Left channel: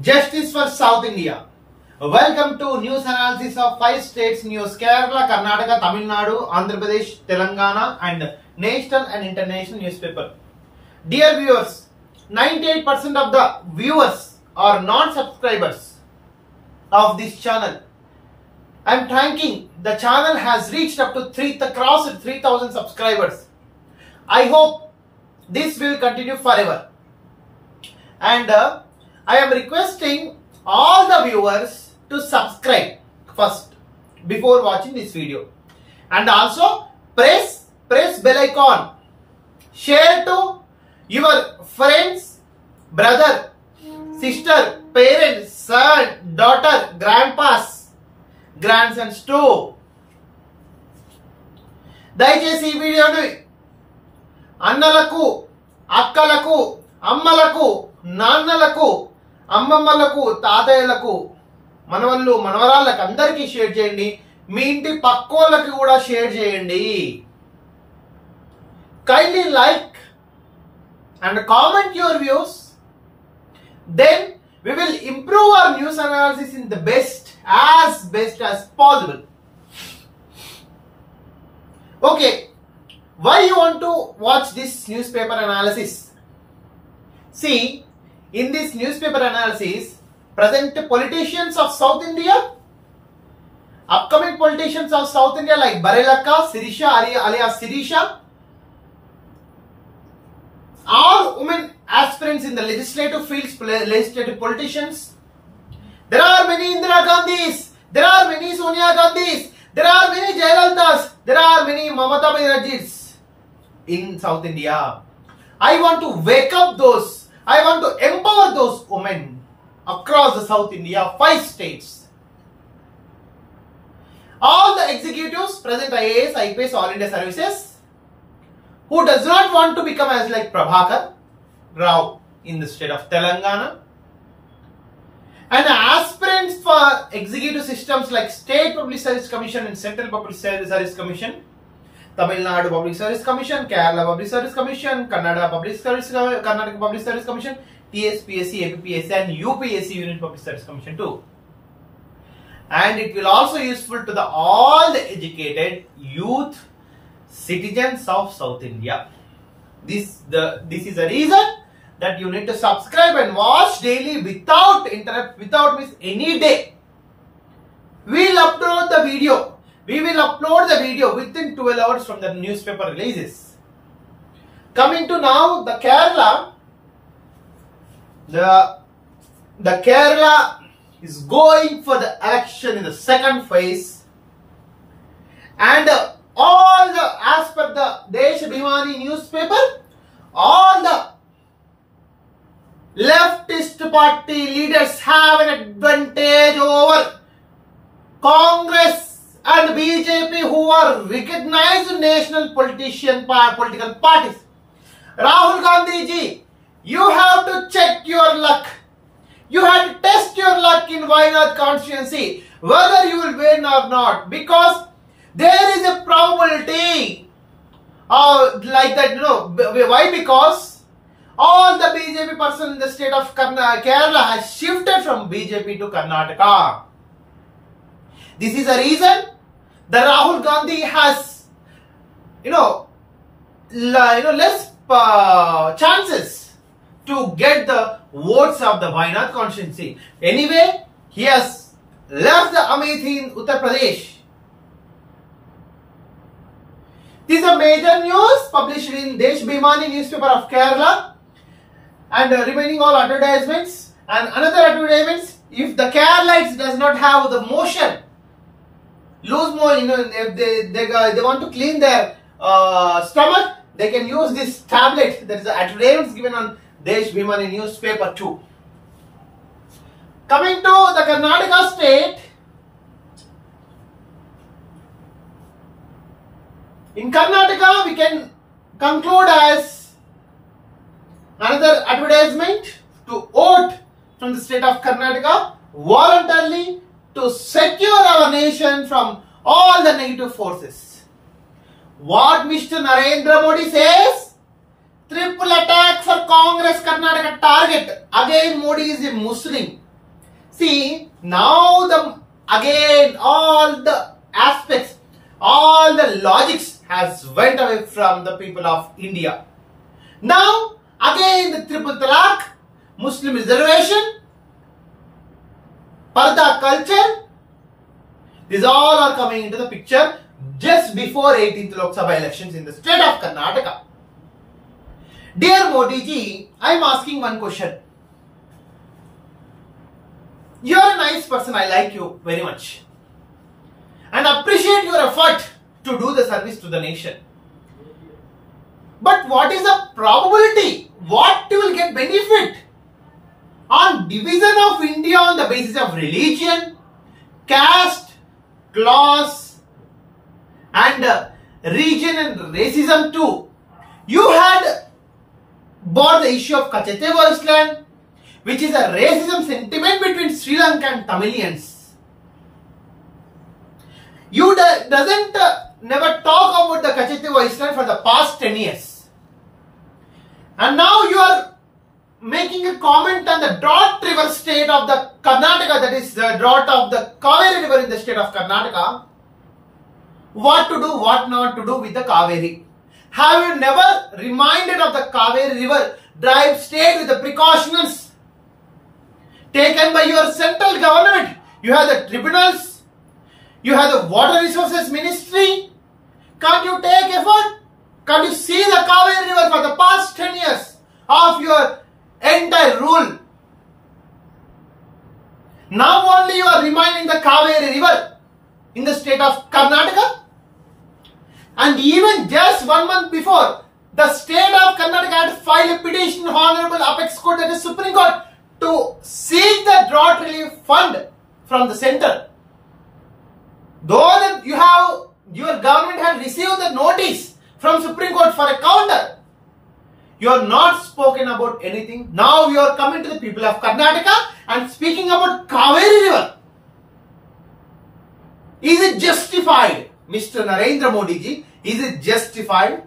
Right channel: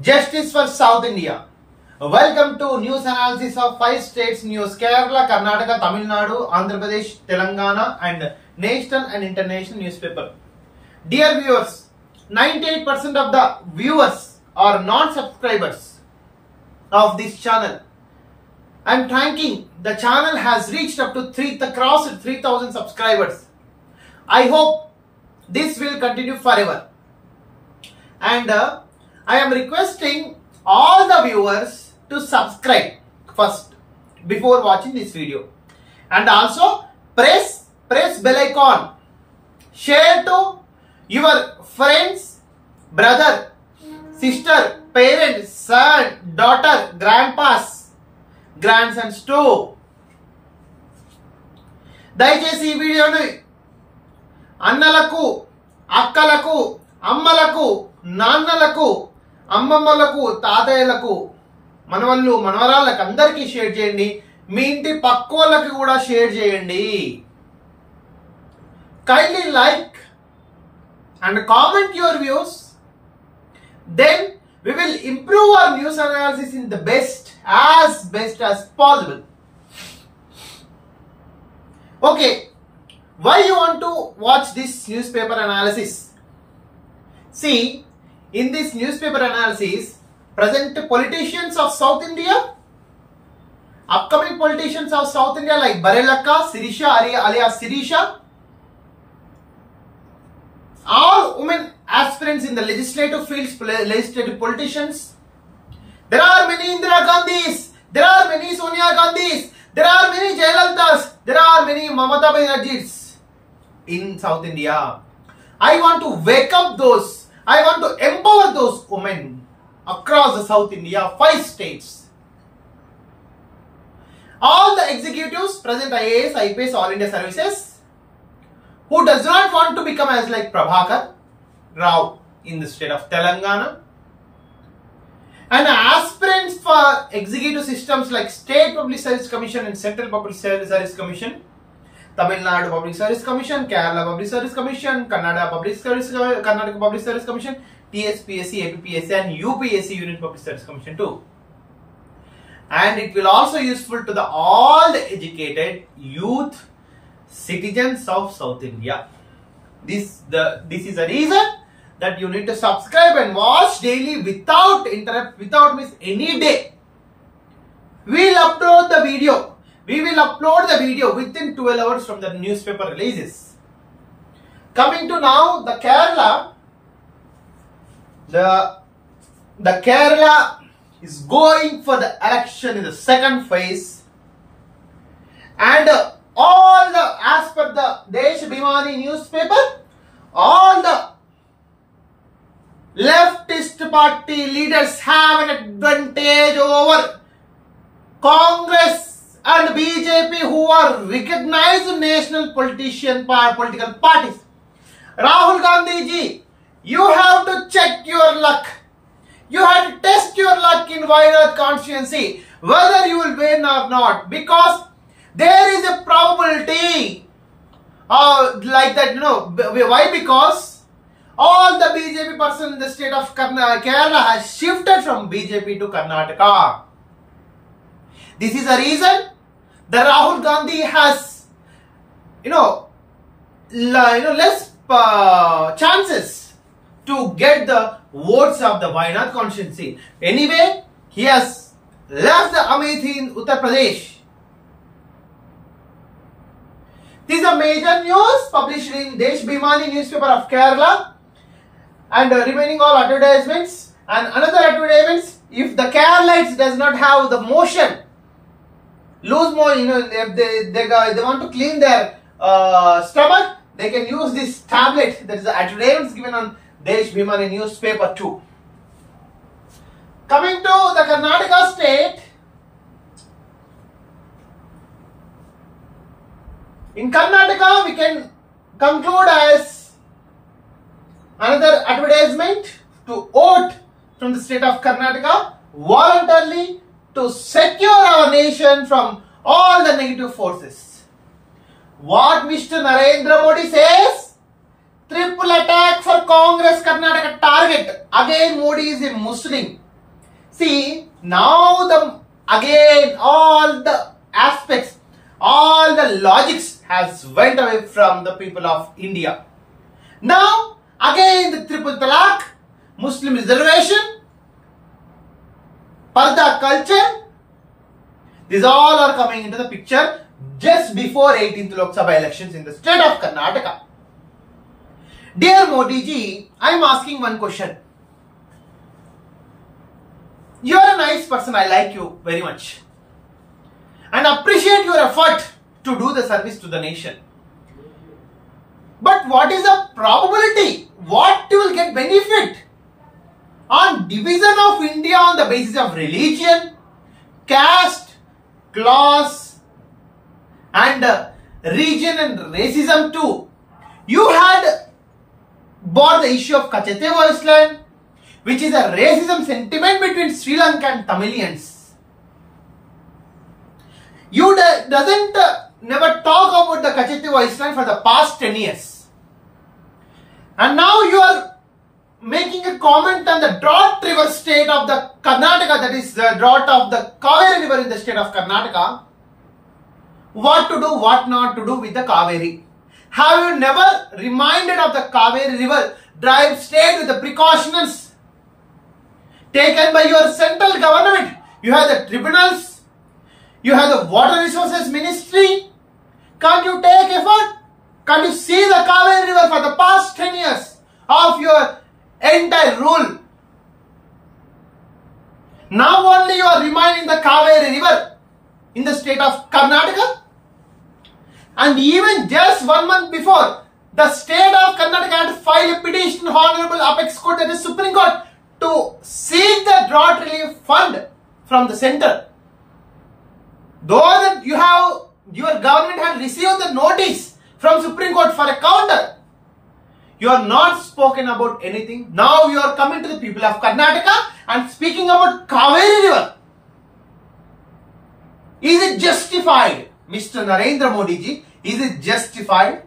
Justice for South India. Welcome to news analysis of 5 states news: Kerala, Karnataka, Tamil Nadu, Andhra Pradesh, Telangana, and national and international newspaper. Dear viewers, 98% of the viewers are non-subscribers of this channel. I am thanking. The channel has reached up to crossed 3,000 subscribers. I hope this will continue forever. And I am requesting all the viewers to subscribe first before watching this video, and also press bell icon, share to your friends, brother, sister, parents, son, daughter, grandpas, grandsons too. దయచేసి ఈ వీడియోని అన్నలకు, అక్కలకు, అమ్మలకు, నాన్నలకు, అమ్మమ్మలకు, తాతయ్యలకు, మనవళ్ళు, మనవరాళ్ళకి అందరికీ షేర్ చేయండి. మీ ఇంటి పక్కోళ్ళకి కూడా షేర్ చేయండి. Kindly like and comment your views. Then we will improve our news analysis in the best as possible. Okay, why you want to watch this newspaper analysis? See, in this newspaper analysis, present politicians of South India, upcoming politicians of South India like Barelakka, Sirisha alias Sirisha, all women aspirants in the legislative fields, legislative politicians. There are many Indira Gandhis, there are many Sonia Gandhis, there are many Jayalalitas, there are many Mamata Banerjees in South India. I want to wake up those, I want to empower those women across the South India, 5 states. All the executives present IAS, IPS, All India Services, who does not want to become as like Prabhakar Rao in the state of Telangana, and aspirants for executive systems like State Public Service Commission and Central Public Service Commission, Tamil Nadu Public Service Commission, Kerala Public Service Commission, Karnataka Public Service Commission, TSPSC, APPSC, and UPSC Union Public Service Commission too. And it will also useful to all the educated youth citizens of South India. This is a reason that you need to subscribe and watch daily without interrupt, without miss any day. We will upload the video. We will upload the video within 12 hours from the newspaper releases. Coming to now the Kerala. The Kerala is going for the election in the second phase, and all the, as per the Deshabhimani newspaper, all the leftist party leaders have an advantage over Congress and BJP, who are recognized national political parties. Rahul Gandhi ji, you have to check your luck. You have to test your luck in Wayanad constituency, whether you will win or not, because there is a probability like that, you know. Why? Because all the BJP person in the state of Kerala has shifted from BJP to Karnataka. This is a reason that Rahul Gandhi has, less chances to get the votes of the Wayanad constituency. Anyway, he has left the Amethi in Uttar Pradesh. This is a major news published in Deshabhimani newspaper of Kerala, and remaining all advertisements and another advertisements. If the Keralites does not have the motion, lose more, if they want to clean their stomach, they can use this tablet. That is the advertisements given on Deshabhimani newspaper too. Coming to the Karnataka state. In Karnataka, we can conclude as another advertisement to vote from the state of Karnataka voluntarily to secure our nation from all the negative forces. What Mr. Narendra Modi says, triple attack for Congress Karnataka target. Again, Modi is a Muslim. See, now again all the aspects, all the logics has went away from the people of India. Now again the triple talaq, Muslim reservation, Parda culture, these all are coming into the picture just before 18th Lok Sabha elections in the state of Karnataka. Dear Modi ji, I am asking one question. You are a nice person, I like you very much and appreciate your effort to do the service to the nation. But what is the probability? What you will get benefit on division of India on the basis of religion, caste, class and region and racism too? You had brought the issue of Kachete Island, which is a racism sentiment between Sri Lanka and Tamilians. You doesn't never talk about the Kachete Island for the past 10 years. And now you are making a comment on the drought river state of the Karnataka, that is the drought of the Kaveri river in the state of Karnataka. What to do, what not to do with the Kaveri? Have you never reminded of the Kaveri river drive state with the precautions taken by your central government? You have the tribunals, you have the water resources ministry. Can't you take effort? Can't you see the Kaveri river for the past 10 years of your entire rule? Now only you are reminding the Kaveri river in the state of Karnataka. And even just 1 month before, the state of Karnataka had filed a petition Honorable Apex Court, that is Supreme Court, to seek the drought relief fund from the center. Though that your government had received the notice from Supreme Court for a counter, you are not spoken about anything. Now you are coming to the people of Karnataka and speaking about Kaveri river. Is it justified, Mr. Narendra Modi ji? Is it justified?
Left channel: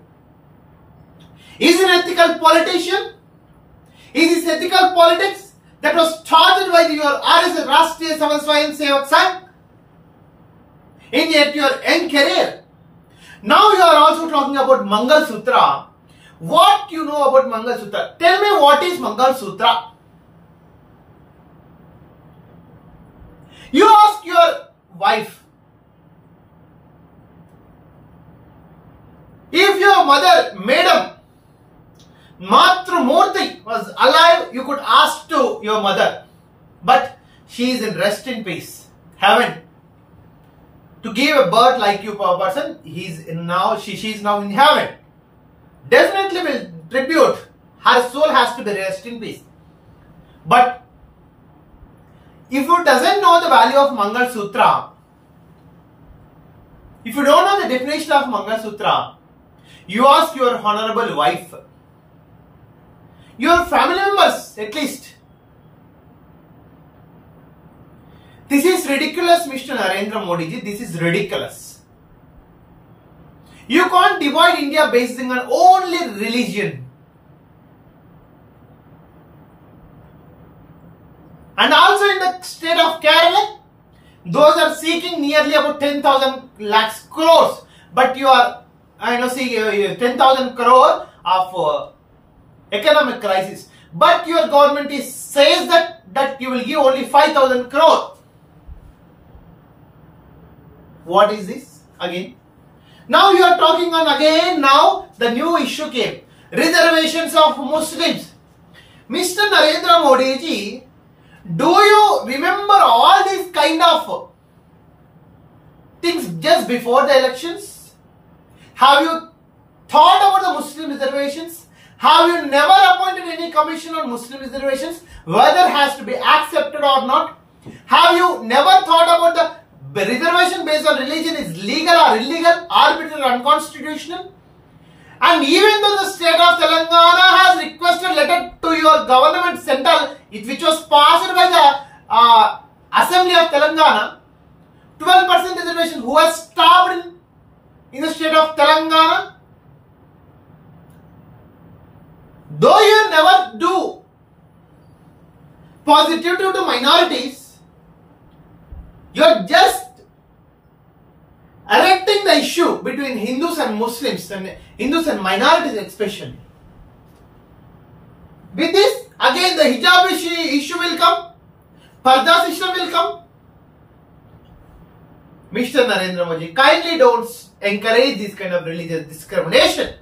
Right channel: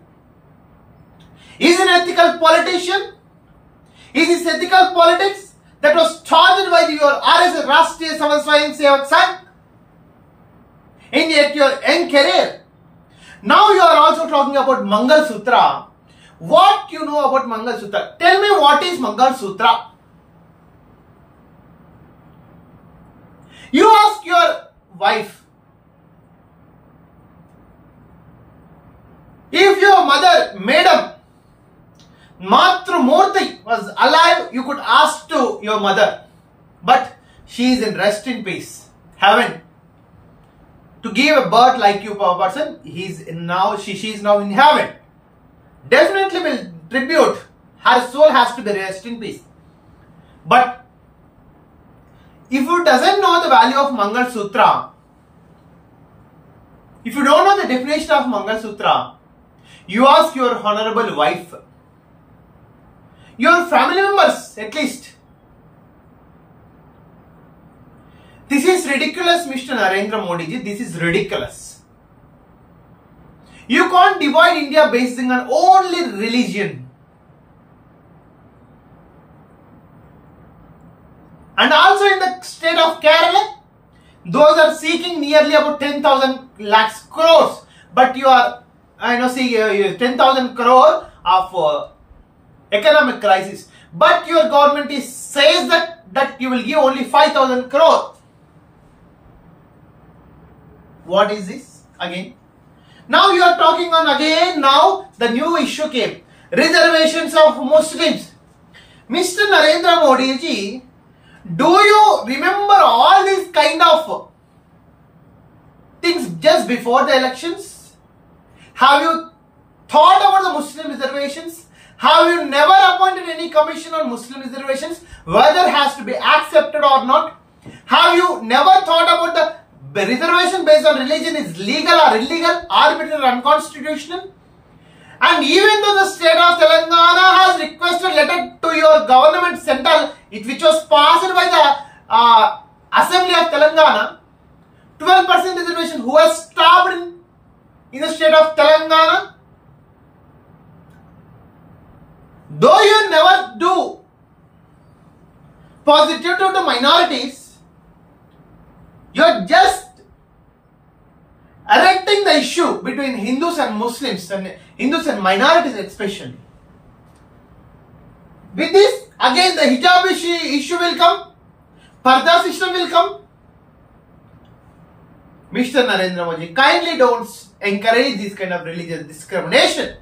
Is it an ethical politician? Is this ethical politics that was started by your RSS Rashtriya Swayam Sevak Sangh in yet your end career? Now you are also talking about Mangal Sutra. What you know about Mangal Sutra? Tell me, what is Mangal Sutra? You ask your wife, if your mother, Madam Matru Murthy, was alive, you could ask to your mother. But she is in rest in peace, heaven. To give a birth like you, person, she is now in heaven. Definitely will tribute. Her soul has to be rest in peace. But if you doesn't know the value of Mangal Sutra, if you don't know the definition of Mangal Sutra, you ask your honorable wife, your family members at least. This is ridiculous, Mr. Narendra Modi ji. This is ridiculous. You can't divide India based on only religion. And also in the state of Kerala, those are seeking nearly about 10,000 lakhs crores. But you are, 10,000 crore of economic crisis. But your government says that you will give only 5,000 crore. What is this again? Now you are talking on again, now the new issue came. Reservations of Muslims. Mr. Narendra Modi ji, do you remember all these kind of things just before the elections? Have you thought about the Muslim reservations? Have you never appointed any commission on Muslim reservations, whether it has to be accepted or not? Have you never thought about the reservation based on religion is legal or illegal, arbitrary or unconstitutional? And even though the state of Telangana has requested letter to your government central, which was passed by the Assembly of Telangana, 12% reservation, who has stopped in the state of Telangana? Though you never do positive to minorities, just erecting the issue between Hindus and Muslims and Hindus and minorities especially. With this, again the hijab issue will come, Parda system will come. Mr. Narendra Modi, kindly don't encourage this kind of religious discrimination.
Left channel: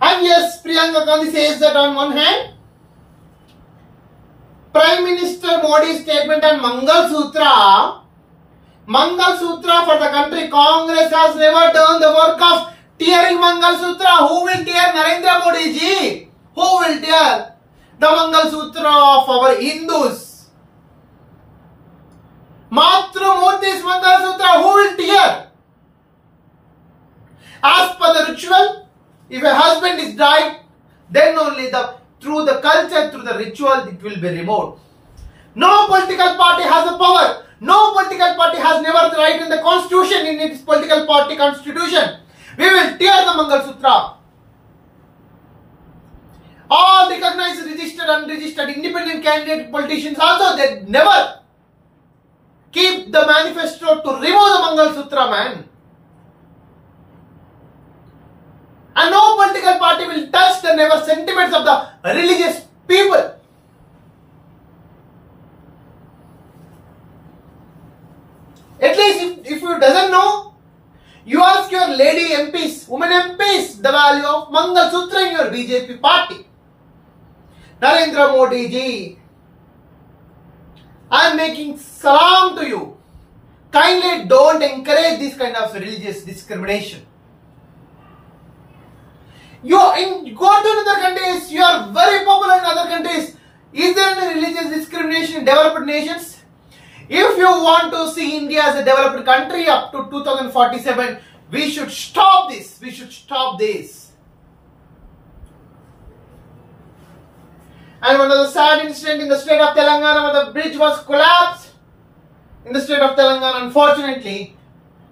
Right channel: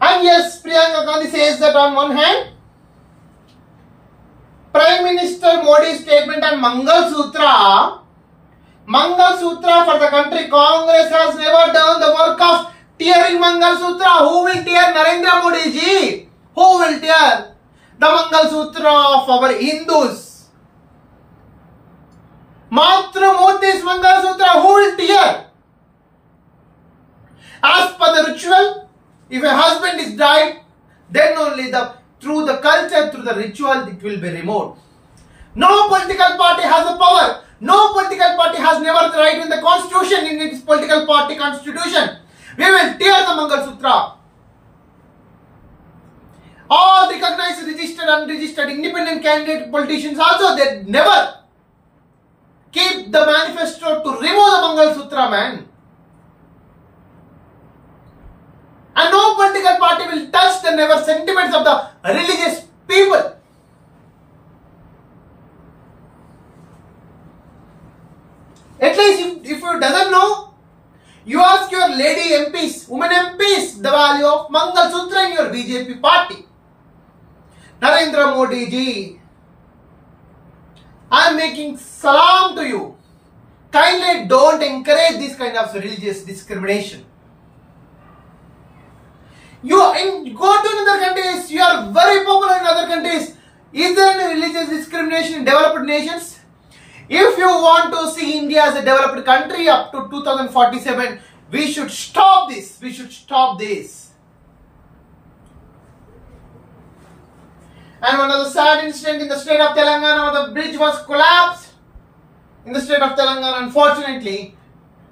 And yes, Priyanka Gandhi says that on one hand, Prime Minister Modi's statement on Mangal Sutra for the country, Congress has never done the work of tearing Mangal Sutra. Who will tear? Narendra Modi ji. Who will tear the Mangal Sutra of our Hindus? Matra Modi's Mangal Sutra, who will tear? As per the ritual, if a husband is died, then only through the culture, through the ritual, it will be removed. No political party has the power. No political party has never the right in the constitution, in its political party constitution. We will tear the Mangal Sutra. All recognized, registered, unregistered, independent candidate politicians also, they never keep the manifesto to remove the Mangal Sutra, man. And no political party will touch the never sentiments of the religious people. At least if you doesn't know, you ask your lady MPs, women MPs, the value of Mangal Sutra in your BJP party. Narendra Modi ji, I am making salam to you. Kindly don't encourage this kind of religious discrimination. You go to other countries, you are very popular in other countries. Is there any religious discrimination in developed nations? If you want to see India as a developed country up to 2047, we should stop this. We should stop this. And one of the sad incident in the state of Telangana, the bridge was collapsed in the state of Telangana, unfortunately,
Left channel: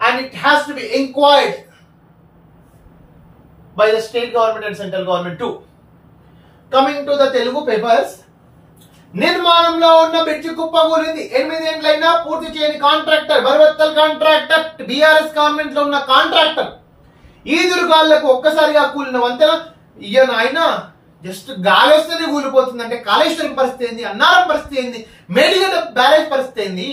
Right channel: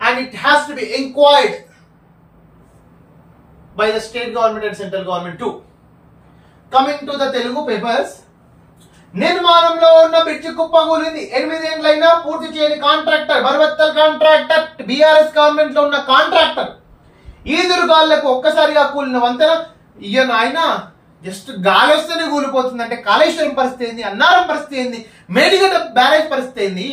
and it has to be inquired by the state government and central government too. Coming to the Telugu papers, నిర్మాణంలో ఉన్న బ్రిడ్జి కుప్పగూలింది. 8 ఏళ్లైనా పూర్తి చేయని కాంట్రాక్టర్, బర్వత్తల్ contractor, BRS government లో ఉన్న కాంట్రాక్టర్, ఈదురుగాళ్లకు ఒక్కసారిగా కూలిన వంతెన. ఈయన ఆయన జస్ట్ గాలి వస్తేనే కూలిపోతుంది అంటే కాళేశ్వరం పరిస్థితి ఏంది, అన్నారం పరిస్థితి ఏంది, మేడిగడ్డ బ్యారేజ్ పరిస్థితి ఏంది?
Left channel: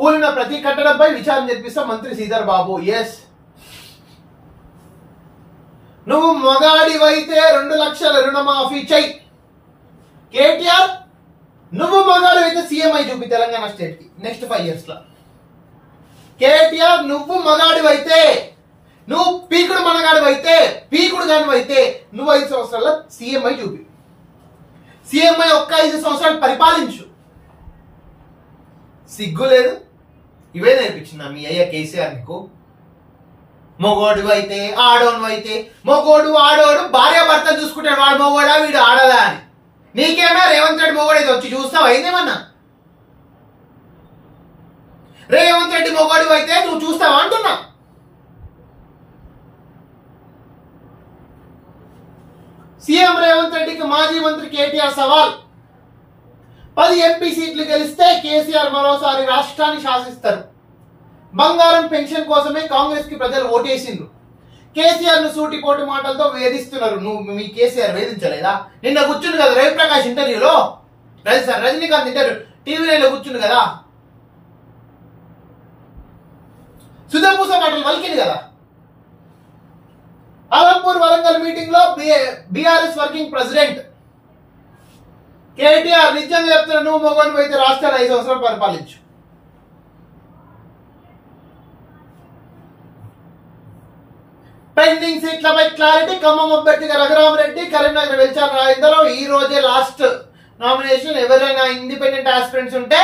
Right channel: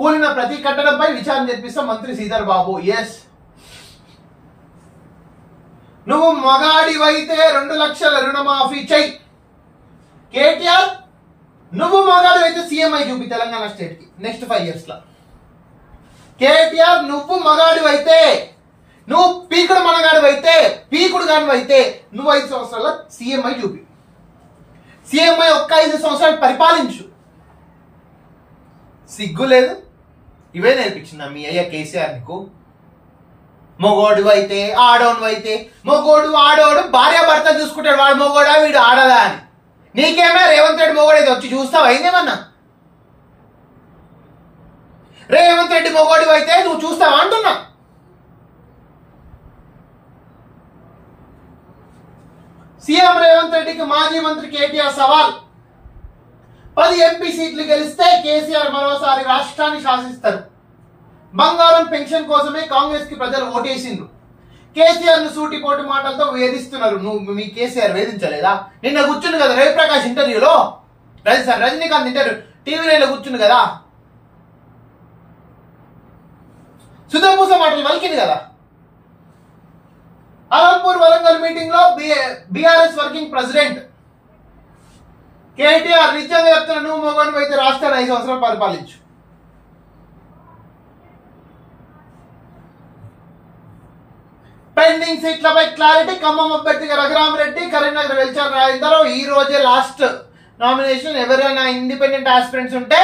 కూలిన ప్రతి కట్టడంపై విచారణ జరిపిస్తాం మంత్రి శ్రీధర్ బాబు. ఎస్, నువ్వు మగాడివైతే 2 లక్షల రుణమాఫీ చెయ్యి. కేటీఆర్, నువ్వు మగాడివైతే సీఎంఐ చూపి తెలంగాణ స్టేట్ కి నెక్స్ట్ 5 years లో. కేటీఆర్, నువ్వు మగాడివైతే, నువ్వు పీకుడు మనగాడివైతే, పీకుడు గానివైతే నువ్వు 5 సంవత్సరాల్లో సీఎంఐ చూపి. సీఎంఐ ఒక్క 5 సంవత్సరాలు పరిపాలించు. సిగ్గు లేదు? ఇవే నేర్పించిందా మీ అయ్యా కేసీఆర్ నీకు? మొగోడు అయితే ఆడోను అయితే, మొగోడు ఆడోడు భార్య భర్త చూసుకుంటాడు, వాడు మొగోడా వీడు ఆడదా అని. నీకేమే రేవంత్ రెడ్డి మొగోడు అయితే వచ్చి చూస్తావు అయిందేమన్నా? రేవంత్ రెడ్డి మొగోడు అయితే నువ్వు చూస్తావా అంటున్నా. సీఎం రేవంత్ రెడ్డికి మాజీ మంత్రి కేటీఆర్ సవాల్. 10 ఎంపీ సీట్లు గెలిస్తే కేసీఆర్ మరోసారి రాష్ట్రాన్ని శాసిస్తారు. బంగారం పెన్షన్ కోసమే కాంగ్రెస్ కి ప్రజలు ఓటేసిండ్రు. కేసీఆర్ ను సూటిపోటి మాటలతో వేధిస్తున్నారు. నువ్వు మీ కేసీఆర్ వేధించలేదా? నిన్న కూర్చుంది కదా రవిప్రకాష్ ఇంటర్వ్యూలో, రజనీకాంత్ ఇంటర్వ్యూ టీవీలో కూర్చుంది కదా, సుధపూస మాటలు వలికింది కదా. అలంపూర్ వరంగల్ మీటింగ్ లో బీఆర్ఎస్ వర్కింగ్ ప్రెసిడెంట్ కేటీఆర్ నిజంగా చెప్తున్నా, నువ్వు మొగోడివి అయితే రాష్ట్రాన్ని 5 సంవత్సరాలు పరిపాలించు. పెండింగ్ సీట్లపై క్లారిటీ. ఖమ్మం అభ్యర్థిగా రఘురామరెడ్డి, కరీంనగర్ వెల్చాల రాజేందర్. ఈ రోజే లాస్ట్ నామినేషన్. ఎవరైనా ఇండిపెండెంట్ ఆస్పిరెంట్స్ ఉంటే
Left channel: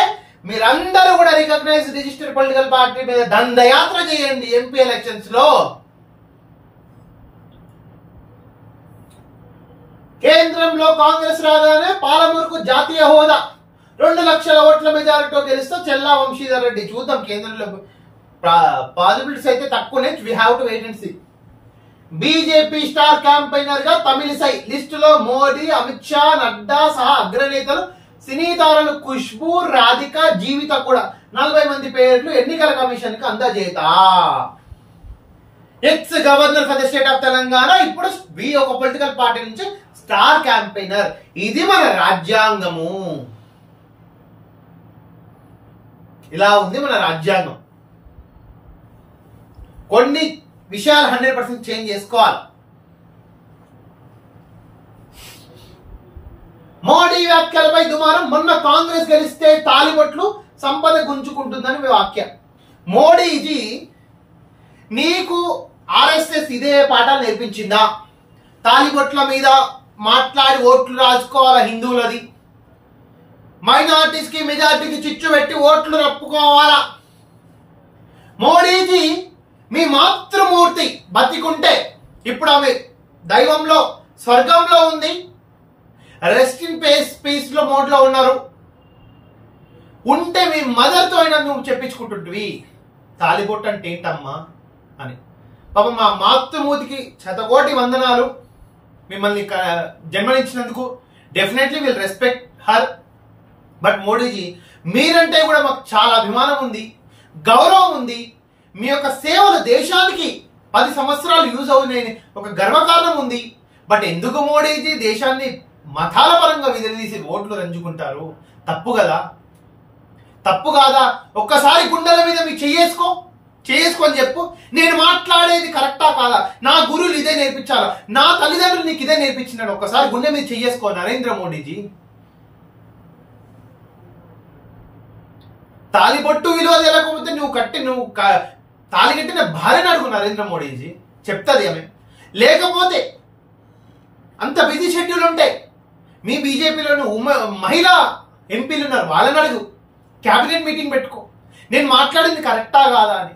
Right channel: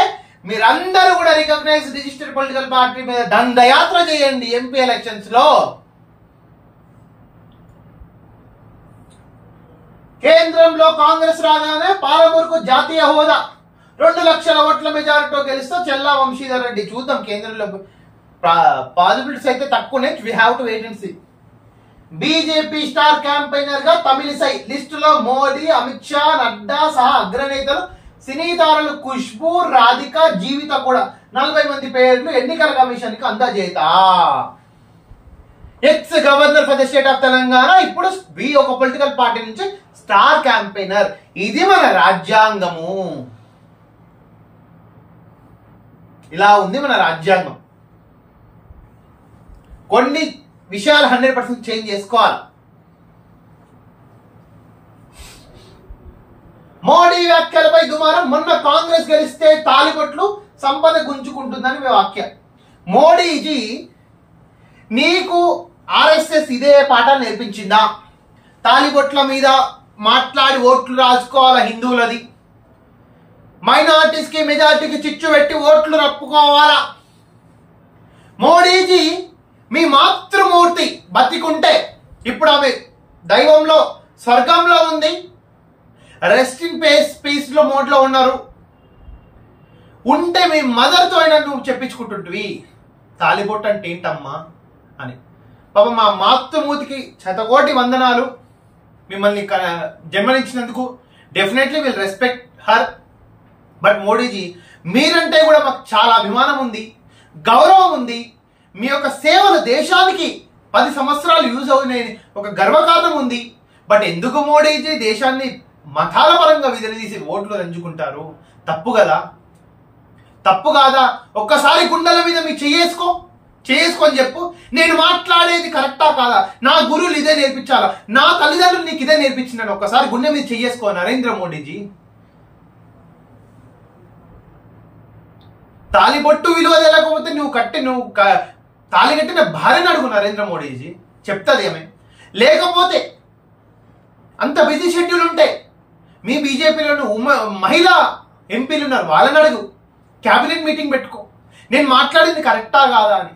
మీరందరూ కూడా రికగ్నైజ్ రిజిస్టర్డ్ పొలిటికల్ పార్టీ మీద దండయాత్ర చేయండి ఎంపీ ఎలక్షన్స్ లో. కేంద్రంలో కాంగ్రెస్ రాగానే పాలమూరుకు జాతీయ హోదా. 2 లక్షల ఓట్ల మెజారిటీతో గెలిస్తే చెల్లా వంశీధర్ రెడ్డి. చూద్దాం కేంద్రంలో పాసిబిలిటీస్ అయితే తక్కువనే. We have to wait and see. BJP star campaigner గా తమిళిసై లిస్టులో మోడీ, అమిత్ షా, నడ్డా సహా అగ్రనేతలు సినీ తారలు ఖుష్బూ, రాధిక, జీవిత కూడా 40 మంది పేర్లు ఎన్నికల కమిషన్ కి అందజేత. Ex governor for the state of Telangana ఇప్పుడు ఒక పొలిటికల్ పార్టీ నుంచి స్టార్ క్యాంపెయినర్. ఇది మన రాజ్యాంగము. ఇలా ఉంది మన రాజ్యాంగం. కొన్ని విషయాలు 100% చేంజ్ చేసుకోవాలి. మోడీ వ్యాఖ్యలపై దుమారం. మొన్న కాంగ్రెస్ గెలిస్తే తాలిబొట్లు సంపద గుంజుకుంటుందని వాక్యం. మోడీజీ నీకు ఆర్ఎస్ఎస్ ఇదే పాఠాలు నేర్పించిందా? తాలిబొట్ల మీద మాట్లాడి ఓట్లు రాజుకోవాలా హిందువులది, మైనారిటీస్ కి మెజారిటీకి చిచ్చు పెట్టి ఓట్లు రప్పుకోవాలా? మోడీజీ మీ మాతృమూర్తి బతికుంటే ఇప్పుడు ఆమె దైవంలో స్వర్గంలో ఉంది, రెస్ట్ ఇన్ పీస్ లో మోడ్ లో ఉన్నారు. ఉంటే మీ మదర్ తో అయినా నువ్వు చెప్పించుకుంటుంటివి తాలిబొట్టు అంటే ఏంటమ్మా అని. పాప మా మాతృమూర్తికి శతకోటి వందనాలు. మిమ్మల్ని జన్మనిచ్చినందుకు definitely will respect her. But Modiji మీరంటే కూడా మాకు చాలా అభిమానం ఉంది, గౌరవం ఉంది. మీ యొక్క సేవలు దేశానికి 10 సంవత్సరాలు యూజ్ అవుతాయని ఒక గర్వకారణం ఉంది. బట్ ఎందుకు మోడీజీ దేశాన్ని మతాల పరంగా విడదీసి ఓట్లు రంజుకుంటారు? తప్పు కదా, తప్పు కాదా? ఒక్కసారి గుండెల మీద మీకు చేసుకొని చెప్పు, నేను మాట్లాడేది కరెక్టా కాదా, నా గురువులు ఇదే నేర్పించాలా, నా తల్లిదండ్రులు నీకు ఇదే నేర్పించినాను. ఒక్కసారి గుండె మీద చేసుకో నరేంద్ర మోడీజీ. తాలిబొట్టు విలువ తెలియకపోతే నువ్వు తాలి కట్టిన భార్యను అడుగు నరేంద్ర మోడీజీ, చెప్తాది ఆమె. లేకపోతే అంత బిజీ షెడ్యూల్ ఉంటే మీ బీజేపీలో మహిళా ఎంపీలు ఉన్నారు, వాళ్ళని అడుగు, క్యాబినెట్ మీటింగ్ పెట్టుకో, నేను మాట్లాడింది కరెక్టా కాదా అని.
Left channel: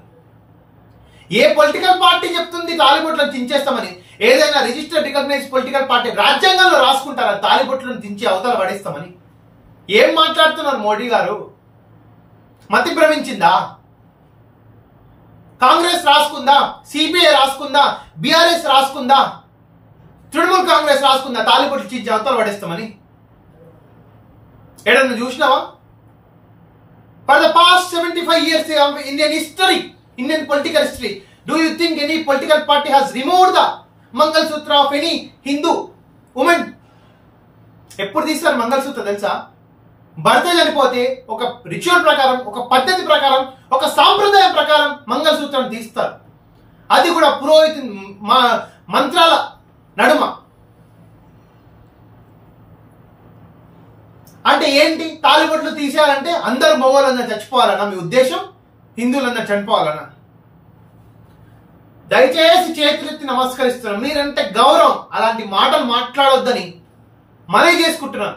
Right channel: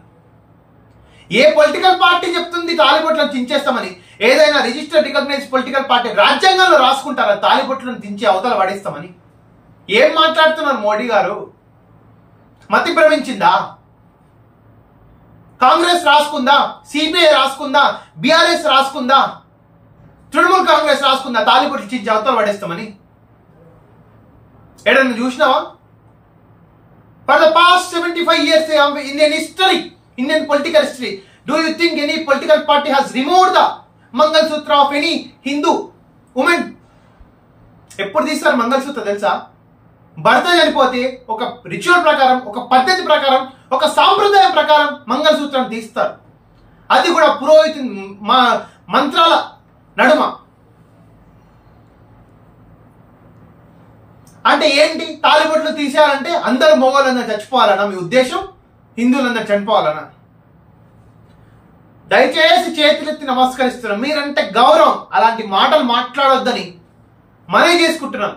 ఏ పొలిటికల్ పార్టీ చెప్తుంది తాలిబొట్లను దించేస్తామని? ఏదైనా రిజిస్టర్డ్ రికగ్నైజ్ పొలిటికల్ పార్టీ రాజ్యాంగంలో రాసుకుంటారా తాలిబొట్లను దించి అవతల పడేస్తామని? ఏం మాట్లాడుతున్నారు మోడీ గారు? మతి భ్రమించిందా? కాంగ్రెస్ రాసుకుందా, సిపిఐ రాసుకుందా, బీఆర్ఎస్ రాసుకుందా, తృణమూల్ కాంగ్రెస్ రాసుకుందా తాలిబొట్లు చించి అవతల పడేస్తామని? ఏడన్నా చూసినావా? For the past 75 years Indian political history, do you think any political party has removed the Mangalsutra of any Hindu woman? ఎప్పుడు తీస్తారు మంగళసూత్ర తెలుసా? భర్త చనిపోతే ఒక రిచువల్ ప్రకారం, ఒక పద్ధతి ప్రకారం, ఒక సాంప్రదాయం ప్రకారం మంగళసూత్రం తీస్తారు. అది కూడా పురోహితు మంత్రాల నడుమ. అంటే ఏంటి? తాలిబొట్లు తీసేయాలంటే అందరూ మగవాళ్ళందరూ చచ్చిపోవాలన్నా మీ ఉద్దేశం? హిందువులందరూ చనిపోవాలన్నా? దయచేసి చేతులెత్తి నమస్కరిస్తున్నాం. మీరంటే గౌరవం, అలాంటి మాటలు మాట్లాడొద్దని మనవి చేసుకుంటున్నాం.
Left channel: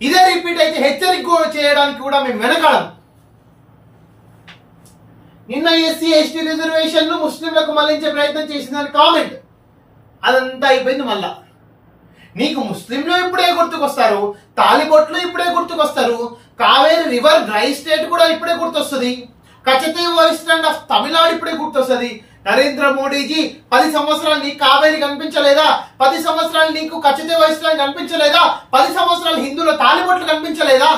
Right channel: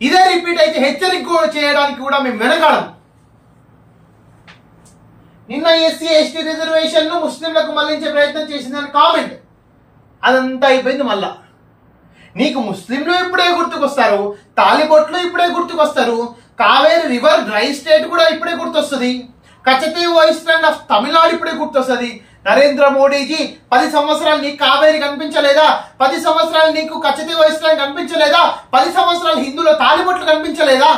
ఇదే రిపీట్ అయితే హెచ్చరిక చేయడానికి కూడా మేము వెనకాడం. నిన్న ఎస్సీ ఎస్టీ రిజర్వేషన్ ను ముస్లింలకు మళ్లించే ప్రయత్నం చేసిందని కామెంట్, అదంతా అయిపోయింది. మళ్ళా నీకు ముస్లింలు ఇప్పుడే గుర్తుకొస్తారు, తాలిబొట్లు ఇప్పుడే గుర్తుకొస్తారు, కావేరి రివర్ డ్రై స్టేట్ కూడా ఇప్పుడే గుర్తొస్తుంది, కచతీవ్ ఐలాండ్ ఆఫ్ తమిళనాడు ఇప్పుడే గుర్తొస్తుంది. నరేంద్ర మోడీజీ 10 సంవత్సరాలు నీకు కావేరి కనిపించలేదా? 10 సంవత్సరాలు నీకు కచతీవ్ ఐలాండ్ కనిపించలేదా? 10 సంవత్సరాలు హిందువుల తాలిబొట్లు కనిపించలేదా?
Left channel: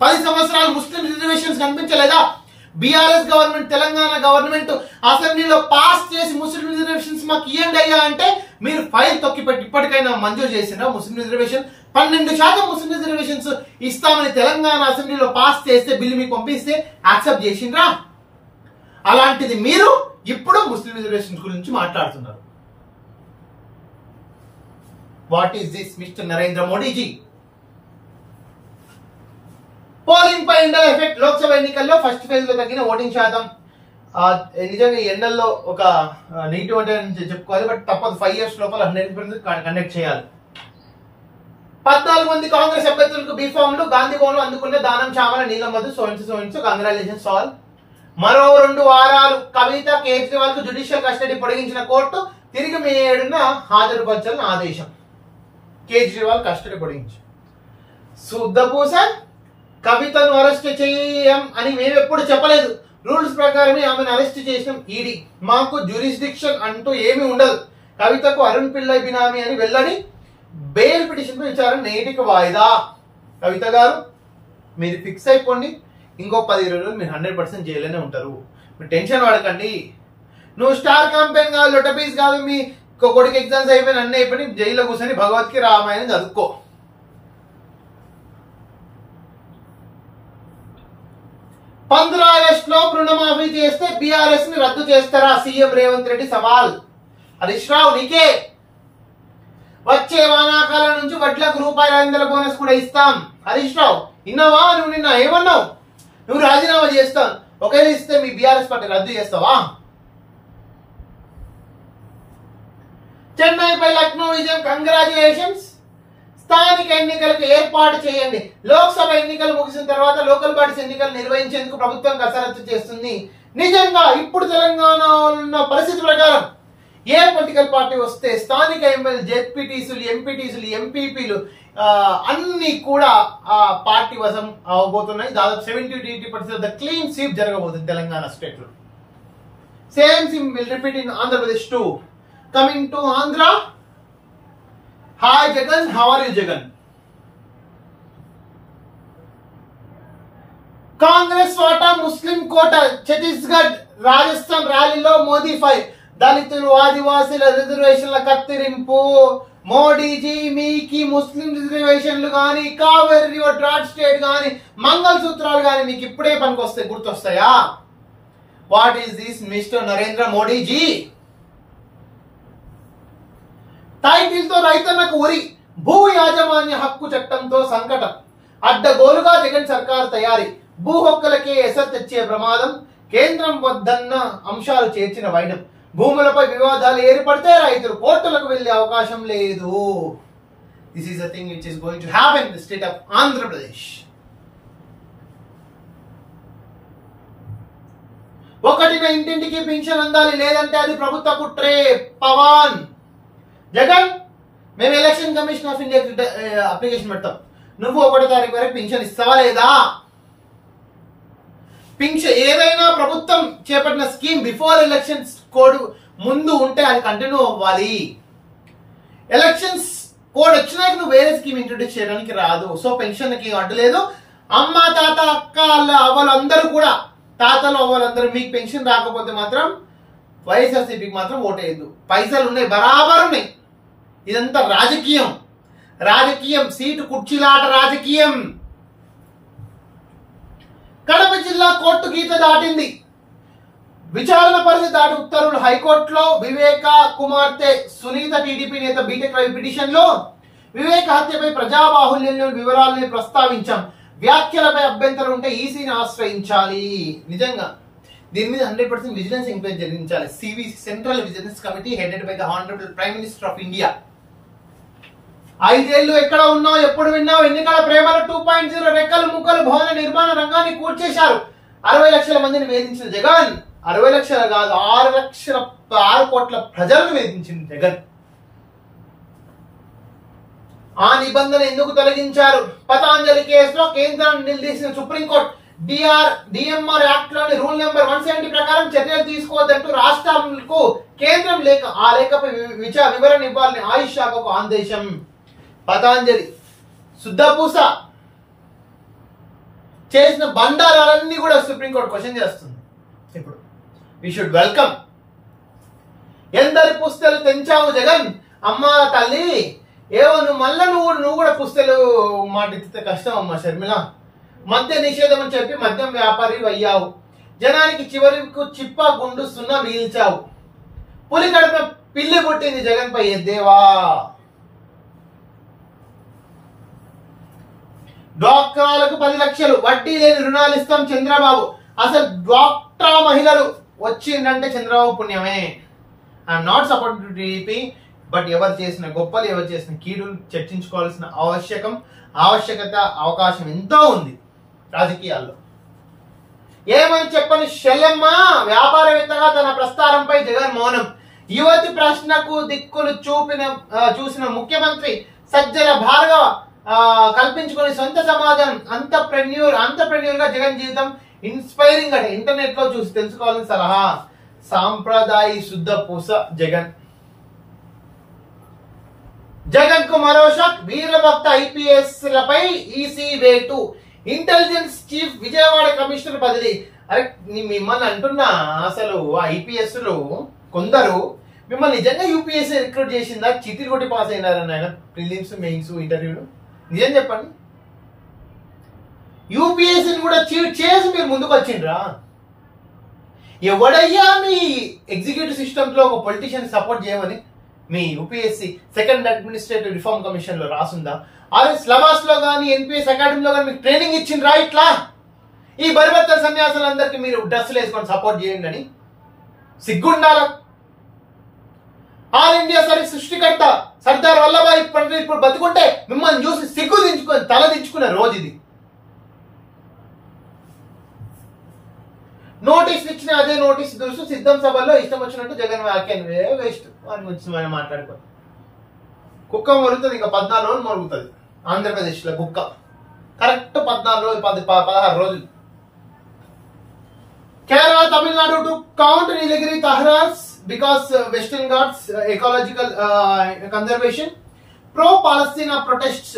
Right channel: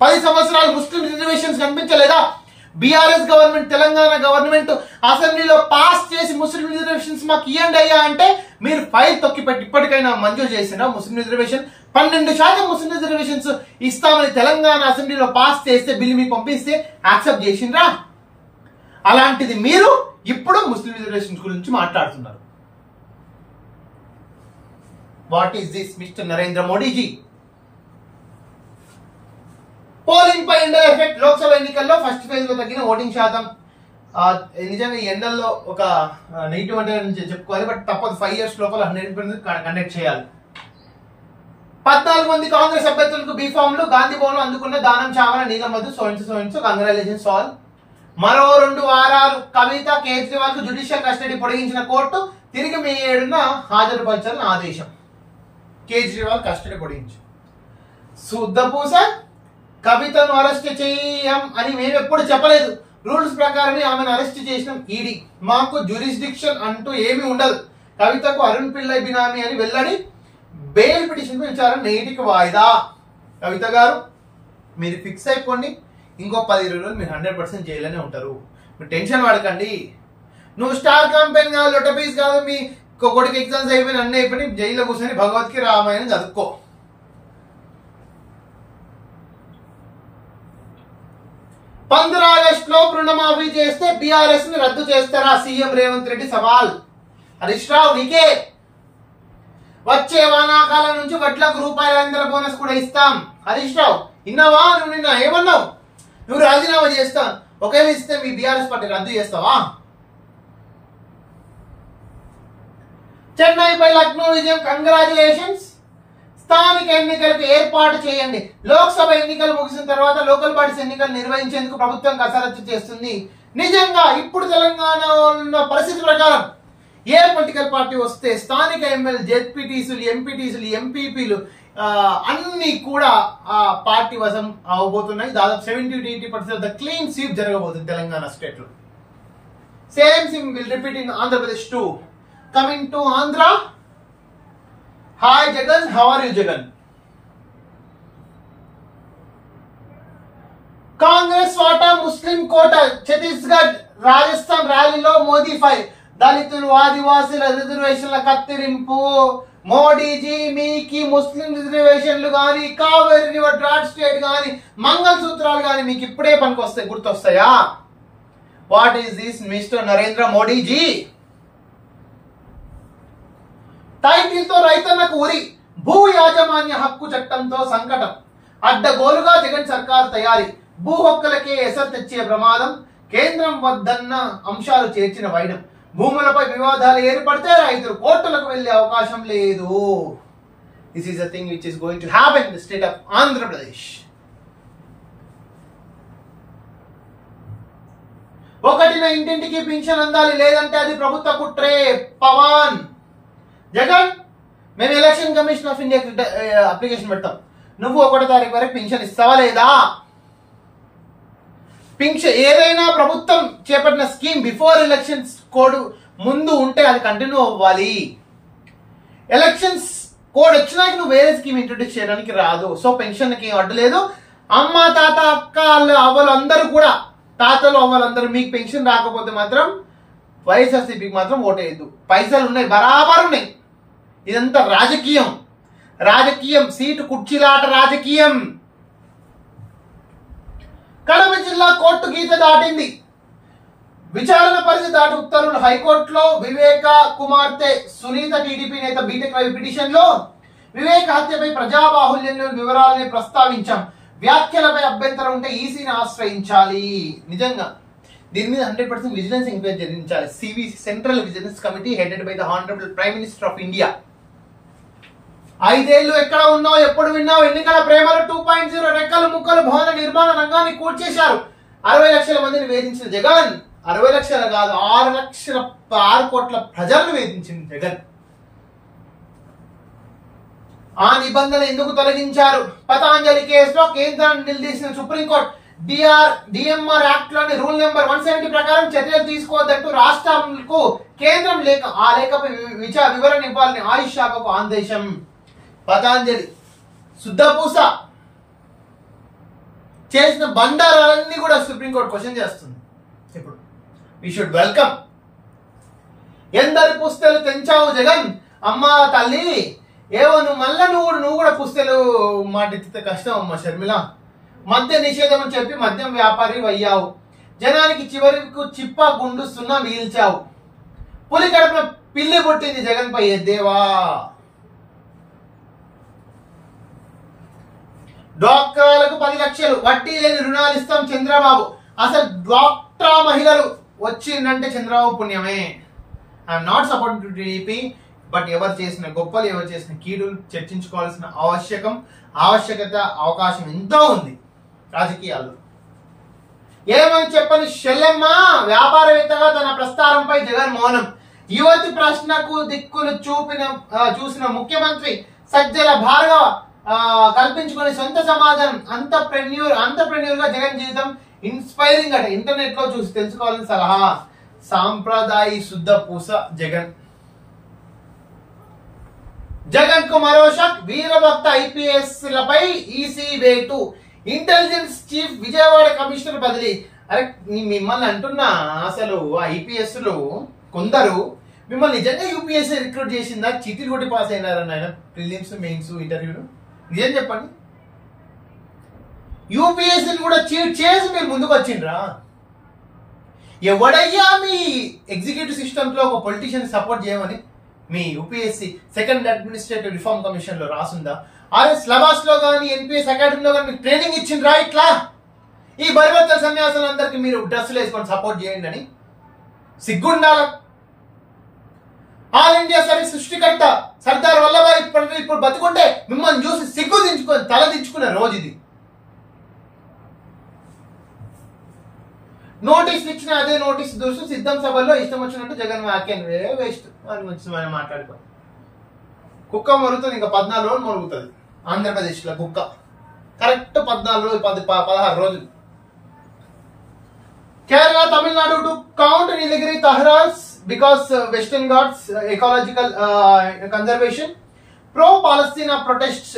10 సంవత్సరాలు ముస్లిం రిజర్వేషన్స్ కనిపించలేదా? బీఆర్ఎస్ గవర్నమెంట్, తెలంగాణ గవర్నమెంట్ అసెంబ్లీలో పాస్ చేసి ముస్లిం రిజర్వేషన్స్ మాకు ఇవ్వండి అయ్యా అంటే మీరు ఫైల్ తొక్కిపెట్టి ఇప్పటికైనా మంజూరు చేసిన ముస్లిం రిజర్వేషన్ 12% ముస్లిం రిజర్వేషన్స్ ఇస్తామని తెలంగాణ అసెంబ్లీలో పాస్ చేస్తే బిల్లు మీకు పంపిస్తే యాక్సెప్ట్ చేసిండ్రా? అలాంటిది మీరు ఇప్పుడు ముస్లిం రిజర్వేషన్స్ గురించి మాట్లాడుతున్నారు. What is this mister Narendra Modiji? Polling పై ఎండల ఎఫెక్ట్. లోక్సభ ఎన్నికల్లో ఫస్ట్ ఫేజ్ లో తగ్గిన ఓటింగ్ శాతం. నిజంగా ఈ ఎండల్లో ఒక నెగిటివ్ అంటే చెప్పుకోవాలి, బట్ తప్పదు. 5 years లోపల 100% కండక్ట్ చేయాలి. 14 మంది కాంగ్రెస్ అభ్యర్థులకు బీఫామ్లు గాంధీ భవన్ అందుకున్న దానం చామల నీలమధు సోయించు కంగ్రాచులేషన్స్ ఆల్. మరో 2 వారాలు కవిత, కేజ్రీవాల్ కు జ్యుడిషియల్ కస్టడీ పొడిగించిన కోర్టు తిరిగి మే 7న హాజరుపరచాలని ఆదేశం. కేజ్రీవాల్ కస్టడీ పొడిగించి శుద్ధపూస కవితను అరెస్ట్ చేయం అని మేము ఎప్పుడు చెప్పలేదు. రూల్స్ ప్రకారమే ఆమెను అరెస్ట్ చేసినాం ఈడీ. మాకు జ్యూరిస్డిక్షన్ అంటూ ఏమీ ఉండదు. కవితకు అరుణ్ పిల్లై బినామీ అని వెల్లడి. బెయిల్ పిటిషన్ పై విచారణ నేటికి వాయిదా. కవిత గారు మీరు ఫిక్స్ అయిపోండి, ఇంకో 10-20 రోజులు మీరు 100% జైల్లోనే ఉంటారు. మీరు టెన్షన్ పడకండి. నువ్వు స్టార్ క్యాంపెయిన్ కాదు, లొటపీస్ కాదు, మీ కొడుకు ఎగ్జామ్స్ అయిపోయిన అన్నీ అయిపోయి జైల్లో కూర్చొని భగవద్గీత రామాయణం చదువుకో. 15 ఆగస్టులో రుణమాఫీ చేస్తే బీఆర్ఎస్ ని రద్దు చేస్తారా? సీఎం రేవంత్ రెడ్డి సవాల్. హరీష్ రావు నీకే. వచ్చే వానాకాలం నుంచి వడ్లకు ₹500 బోనస్ కూడా ఇస్తాం. హరీష్ రావు ఇన్నావా? నువ్వు నిన్న ఏమన్నావు? నువ్వు రాజీనామా చేస్తావు, ఒకవేళ ఇస్తే మీ బీఆర్ఎస్ పార్టీ రద్దు చేస్తావా? చెన్నైపై లక్నో విజయం, కంగ్రాచులేషన్స్. స్థానిక ఎన్నికలకు ఏర్పాటు చేయండి. లోక్సభ ఎన్నికలు ముగిసిన తర్వాత లోకల్ బాడీస్ ఎన్నికలు నిర్వహించేందుకు ప్రభుత్వం కసరత్తు చేస్తుంది. నిజంగా ఇప్పుడు తెలంగాణలో ఉన్న పరిస్థితి ప్రకారం ఏ పొలిటికల్ పార్టీ వస్తే స్థానిక ఎమ్మెల్యే, జెడ్పీటీసీలు, ఎంపీటీసీలు, ఎంపీపీలు అన్ని కూడా ఆ పార్టీ వశం అవబోతున్నాయి. దాదాపు 70-80% ద క్లీన్ స్వీప్ జరగబోతుంది తెలంగాణ స్టేట్ లో. Same thing will repeat in Andhra Pradesh too. Coming to Andhra. Hi Jagan, how are you Jagan? Congress వాటా ముస్లిం కోట. ఛత్తీస్గఢ్, రాజస్థాన్ ర్యాలీలో మోదీ ఫైర్. దళితులు, ఆదివాసీల రిజర్వేషన్ల కత్తిరింపు. మోడీజీ మీకు ముస్లిం రిజర్వేషన్లు కానీ, కావేరీ రివర్ డ్రాట్ స్టేట్ కానీ, మంగళ సూత్రాలు కానీ మీకు ఇప్పుడే పనికొస్తాయి, గుర్తొస్తాయా? What is this mister Narendra Modiji? Title తో రైతన్నకు ఉరి. భూ యాజమాన్య హక్కు చట్టంతో సంకటం. అడ్డగోలుగా జగన్ సర్కార్ తయారీ. భూ హక్కులకే ఎసరు తెచ్చే ప్రమాదం. కేంద్రం వద్దన్న అంశాలు చేర్చిన వైనం. భూములపై వివాదాలు ఏర్పడితే రైతులు కోర్టులకు వెళ్లే అవకాశం లేదు. This is the thing which is going to happen in the state of Andhra Pradesh. ఒకటిన ఇంటింటికి పింఛన్ అందాలి, లేదంటే అది ప్రభుత్వ కుట్రే. పవన్. జగన్ మేము election commission of India application పెడతాం, నువ్వు 1వ తారీఖు వరకు పింఛన్ ఇస్తావా లేదా? పింఛన్ ఏదైనా ప్రభుత్వం చేపట్టిన స్కీమ్ బిఫోర్ ఎలక్షన్స్ కోడ్ ముందు ఉంటే అది కంటిన్యూ అవ్వాలి. ఎలక్షన్స్ కోడ్ వచ్చినాక నువ్వు వేరే స్కీమ్ ఇంట్రొడ్యూస్ చేయడానికి రాదు. సో పెన్షన్ కి అడ్డు లేదు. అమ్మ, తాత, అక్క, అవ్వలు అందరూ కూడా, తాతలు అవ్వలందరూ మీకు పెన్షన్ రాకపోతే మాత్రం వైఎస్ఆర్సీపీకి మాత్రం ఓటేయద్దు. పైసలు ఉన్నాయి, బరాబర్ ఉన్నాయి. ఇదంతా రాజకీయం. రాజకీయం, సీటు కుర్చీలాట రాజకీయం. కడప జిల్లా కోర్టు గీత దాటింది. విచారణ పరిధి దాటి ఉత్తర్వులు. హైకోర్టులో వివేక కుమార్తె సునీత టీడీపీ నేత బీటెక్ రవి పిటిషన్ లో వివేక హత్యపై ప్రజాబాహుల్యంలో వివరాలని ప్రస్తావించాం. వ్యాఖ్యలపై అభ్యంతరం ఉంటే ఈసీని ఆశ్రయించాలి. నిజంగా దీని మీద 100% విజిలెన్స్ ఎంక్వైరీ జరిగించాలి. CVC, central vigilance committee headed by the honourable prime minister of India. 5 ఏళ్లు ఎక్కడ ఉన్నావు, ఎప్పుడు విన్నావు? ఎన్నికల ప్రేమలు 2.0 రెక్కలు ముక్కలు భవన నిర్మాణ రంగాన్ని కూర్చేశారు. 60 లక్షల మందిని వేధించిన జగన్, 60 లక్షలు కాదు 6 కోట్ల ప్రజలను వేధించింది జగన్. ఆ నిబంధన ఎందుకు తొలగించారు? పతాంజలి కేసులో కేంద్రం నిలదీసిన సుప్రీంకోర్టు. డిఎంఆర్ యాక్ట్ లోని రూల్ నెంబర్ 170 ప్రకారం చర్యలు తీసుకోవద్దంటూ రాష్ట్రాలకు కేంద్రం లేఖ, ఆ లేఖపై వివరణ ఇవ్వాలని ఆయుష్ శాఖకు ఆదేశం. పతాంజలి శుద్ధపూస చేసిన బండారాలన్నీ కూడా సుప్రీంకోర్టు క్వశ్చన్ చేస్తుంది. ఇప్పుడు వి షుడ్ వెల్కమ్. ఎందరి పుస్తలు తెంచావు జగన్? అమ్మా తల్లి, ఏవో నువ్వు మళ్ళా నువ్వు కూడా పుస్తలు మాటిస్తే కష్టం అమ్మా షర్మిల. మద్య నిషేధం అని చెప్పి మద్యం వ్యాపారి అయ్యావు. జనానికి చివరికి చిప్ప గుండు సున్నా మిగిల్చావు. పులి కడుపున పిల్లి పుట్టింది జగన్ పై ఎద్దేవా. డ్వాక్రాలకు 10 లక్షలు వడ్డీ లేని రుణాలు ఇస్తాం చంద్రబాబు. అసలు డ్వాక్రా మహిళలు వచ్చిందంటే చంద్రబాబు పుణ్యమే. I'm not supporting to TDP, but ఎవరు చేసిన గొప్పలు, ఎవరు చేసిన కీడులు చర్చించుకోవాల్సిన ఆవశ్యకత, అవకాశం ఎంతో ఉంది రాజకీయాల్లో. ఏమని చెప్పని షెల్లెమ్మ వ్యాపారవేత్తగా తన ప్రస్తారంపై జగన్ మౌనం. యువతి ప్రశ్నకు దిక్కులు చూసిన ముఖ్యమంత్రి సజ్జల భార్గవ కల్పించుకునే సొంత సమాధానం. అంతర్ప్రెన్యూర్ గా జగన్ జీవితం ఇన్స్పైరింగ్ అట. ఇంటర్నెట్ లో చూసి తెలుసుకోవాలని సలహా. సాంప్రదాయ శుద్ధ పూస జగన్. జగన్ కు మరో షాక్, వీరభక్త ఐపీఎస్ లపై ఈసీ వేటు, ఇంటెలిజెన్స్ చీఫ్ విజయవాడ కమిషనర్ బదిలీ. అరే మిమ్మల్ని అంటున్నా, అసలు ఐపీఎస్ లో కొందరు మిమ్మల్ని నిజంగా యూపీఎస్సీ రిక్రూట్ చేసిందా, చీటీలు కొట్టి పాస్ అయినారని ఆయన ప్రిలిమ్స్ మెయిన్స్ ఇంటర్వ్యూలు? నిజం చెప్పండి. యూపీఎస్సీని కూడా చీట్ చేసి మీరు ముందుకు వచ్చిండ్రా? ఎవడయ్యా మీ ఎగ్జిక్యూటివ్ సిస్టమ్స్ లో ఒక పొలిటీషియన్ సపోర్ట్ చేయమని మీ UPSC second administrative reform commission లో రాసుందా? అరే సిలబస్ లో కానీ ఎన్పిఎస్ అకాడమీలో కానీ మీకు ట్రైనింగ్ ఇచ్చిండ్రా? ఇట్లా ఈ బరిబత్తల సన్యాసాలందరికీ మీరు డ్రెస్సులు వేసుకొని సపోర్ట్ చేయండి అని సిగ్గుండాల. ఆల్ ఇండియా సర్వీస్ సృష్టికర్త సర్దార్ వల్లభాయ్ పటేల్ ఇప్పుడు బతుకుంటే మిమ్మల్ని చూసి సిగ్గు దించుకొని తల దించుకునే రోజు ఇది. నోటీస్ ఇచ్చిన అదే నోటీస్ చూసి సిద్ధం సభలో ఇష్టం వచ్చినట్టు జగన్ వ్యాఖ్యలు వేస్ట్ అని గురించి మనం మాట్లాడుకో. కుక్క మొరుగుతుంది, ఇంకా 14 రోజులు మొరుగుతుంది ఆంధ్రప్రదేశ్ లో కుక్క. కరెక్ట్ 14 రోజులు, 16 రోజులు. Kerala, Tamil to count Nilgiri Tahras because Western Ghats ecological conservation. Pro-Palestine protests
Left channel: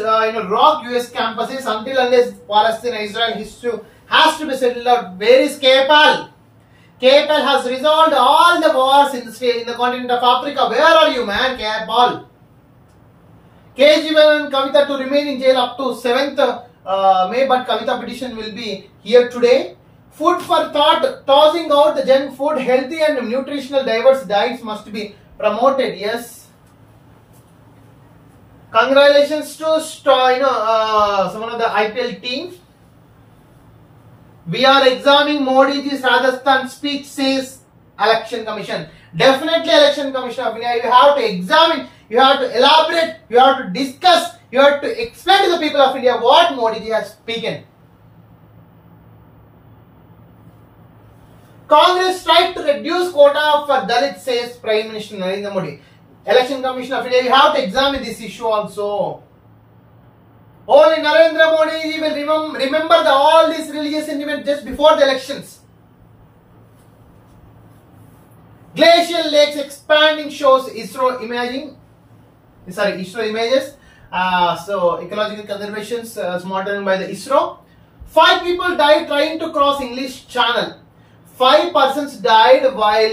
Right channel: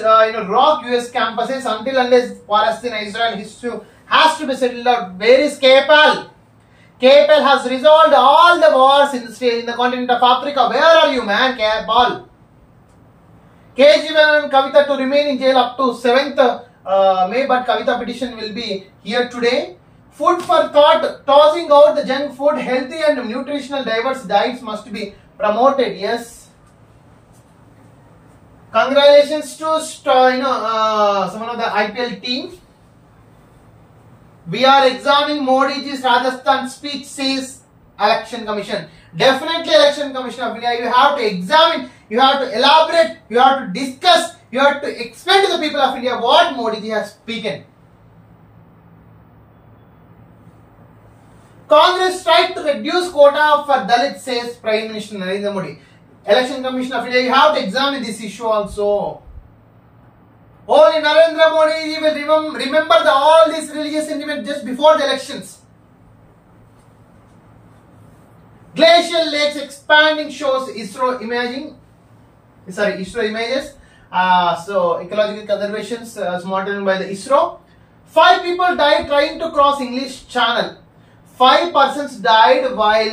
rock US campuses until unless Palestine-Israel issue has to be settled out. Where is KPAL? KPAL has resolved all the wars in the continent of Africa. Where are you, man, KPAL? KGL and Kavita to remain in jail up to 7th May, but Kavita petition will be here today. Food for thought, tossing out the junk food, healthy and nutritional diverse diets must be promoted. Yes. Congratulations to some of the IPL team. We are examining Modi's Rajasthan speech, says Election Commission. Definitely Election Commission of India. You have to examine, you have to elaborate, you have to discuss, you have to explain to the people of India what Modi has spoken. Congress tried to reduce quota for Dalits, says Prime Minister Narendra Modi. Election Commission of India, you have to examine this issue also. Only Narendra Modi will remember all these religious sentiments just before the elections. Glacial lakes expanding shows ISRO images. So ecological conservation is monitored by the ISRO. 5 people died trying to cross English Channel. 5 persons died while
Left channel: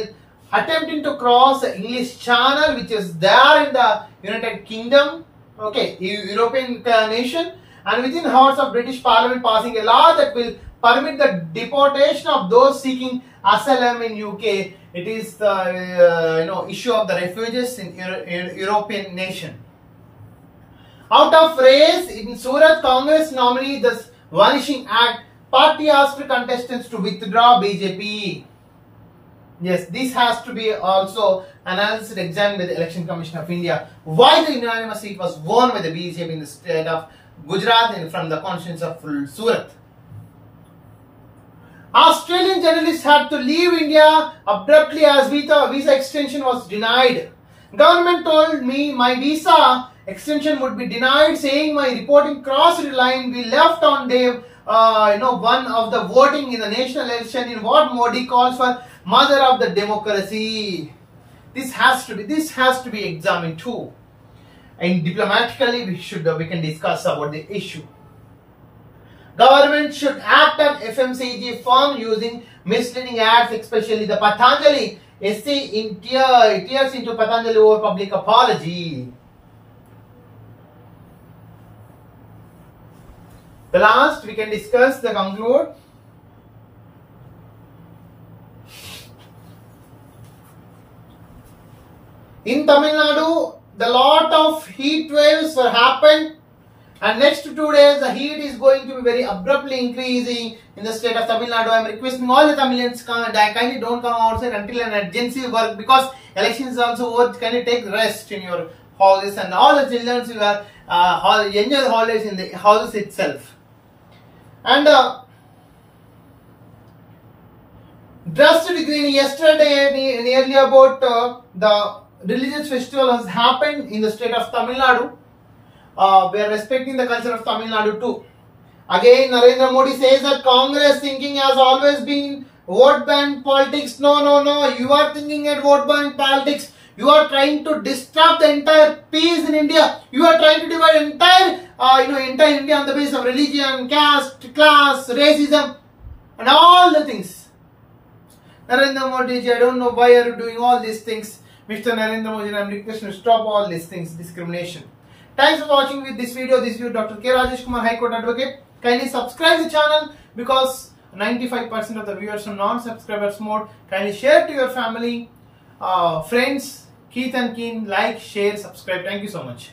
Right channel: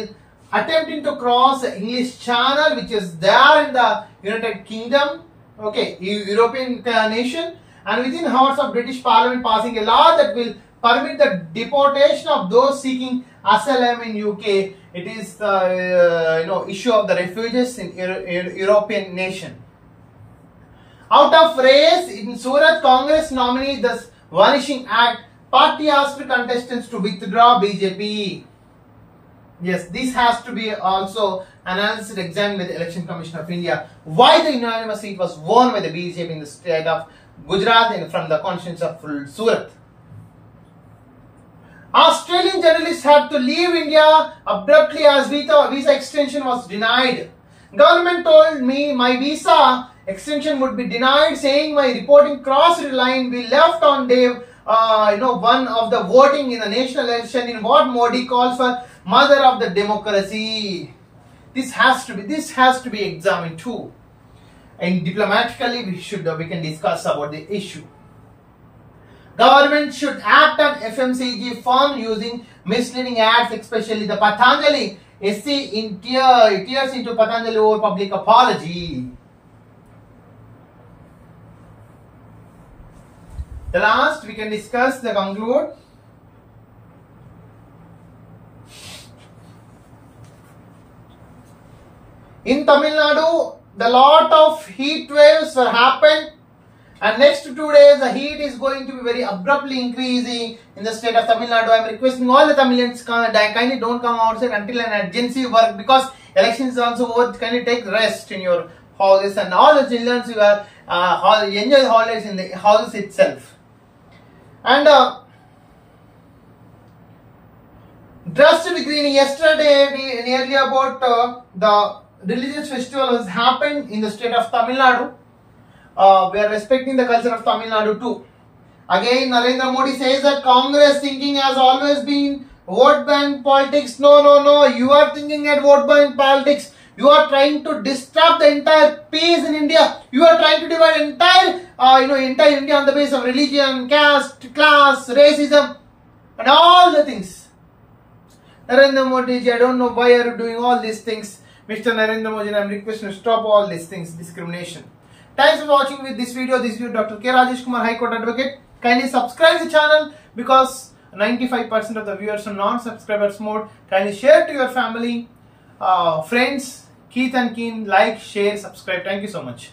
attempting to cross the English Channel, which is there in the United Kingdom, okay, European nation, and within hours of British Parliament passing a law that will permit the deportation of those seeking asylum in UK. It is the issue of the refugees in European nation. Out of race in Surat, Congress nominee thus Vanishing Act. Party asked contestants to withdraw BJP. Yes, this has to be also analyzed and examined by the Election Commission of India. Why the unanimous seat was won by the BJP in the state of Gujarat and from the constituency of Surat. Australian journalists had to leave India abruptly as visa extension was denied. Government told me my visa extension would be denied, saying my reporting crossed the line. We left on day one of the voting in the national election in what Modi calls for mother of the democracy. This has to be examined too. And diplomatically we can discuss about the issue. Government should act on FMCG firm using misleading ads, especially the Patanjali. SC tears into Patanjali over public apology. The last we can discuss the conclude. In Tamil Nadu, the lot of heat waves will happen, and next 2 days the heat is going to be very abruptly increasing in the state of Tamil Nadu. I am requesting all the Tamilians kindly don't come outside until an urgency work, because elections is also over. Kindly take rest in your houses, and all the children who are enjoy the holidays in the houses itself. And drastic green yesterday nearly about the religious festival has happened in the state of Tamil Nadu. We are respecting the culture of Tamil Nadu too. Again, Narendra Modi says that Congress thinking has always been vote bank politics. No. You are thinking at vote bank politics. You are trying to disrupt the entire peace in India. You are trying to divide entire India on the basis of religion, caste, class, racism, and all the things. Narendra Modi ji, I don't know why are you doing all these things. Mr. Narendra Modi, I am requesting to stop all these things, discrimination. Thanks for watching with this video. This is Dr. K. Rajesh Kumar, High Court Advocate. Kindly subscribe the channel because 95% of the viewers are non-subscribers mode. Kindly share to your family, friends, Keith and Keen, like, share, subscribe. Thank you so much.